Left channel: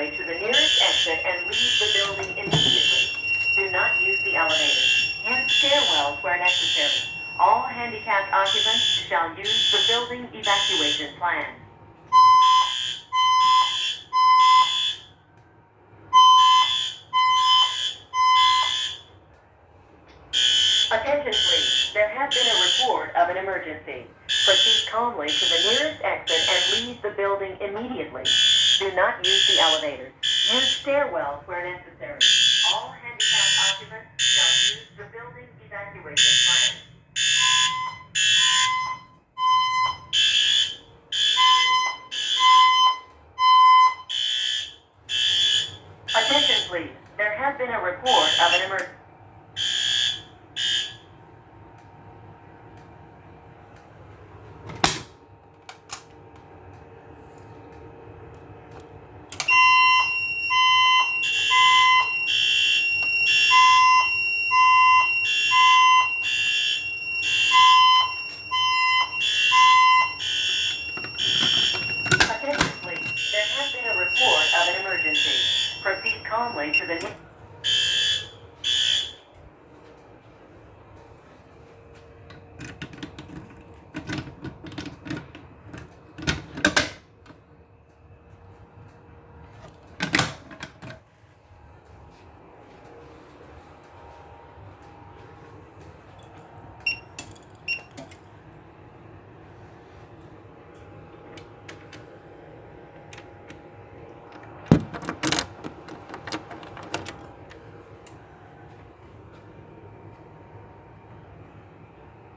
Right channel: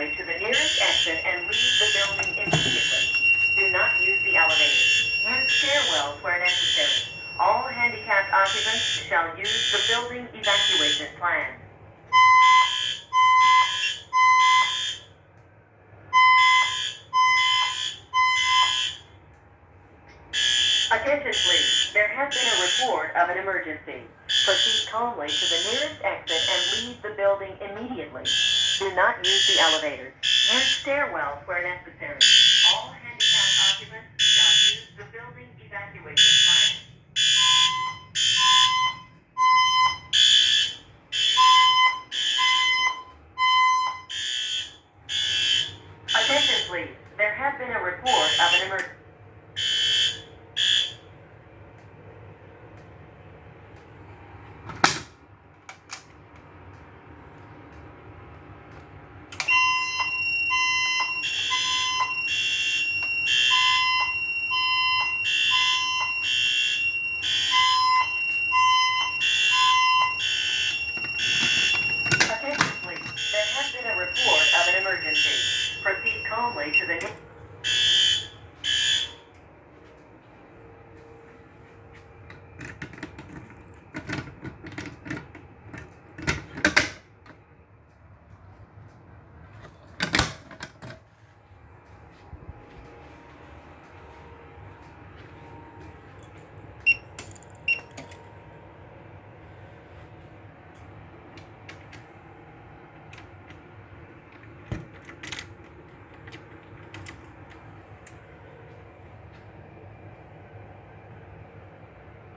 calmly to the nearest exit and leave the building immediately. Do not use the elevators. Use stairwells where necessary. All handicapped occupants shall use the building evacuation plan. Attention please, there has been a report of an emergency. Proceed calmly to the nearest exit and leave the building immediately. Do not use the elevators. Use stairwells where necessary. All handicapped occupants shall use the building evacuation plan. Attention please, there has been a report of an emergency. Attention please, there has been a report of an emergency. Proceed calmly to the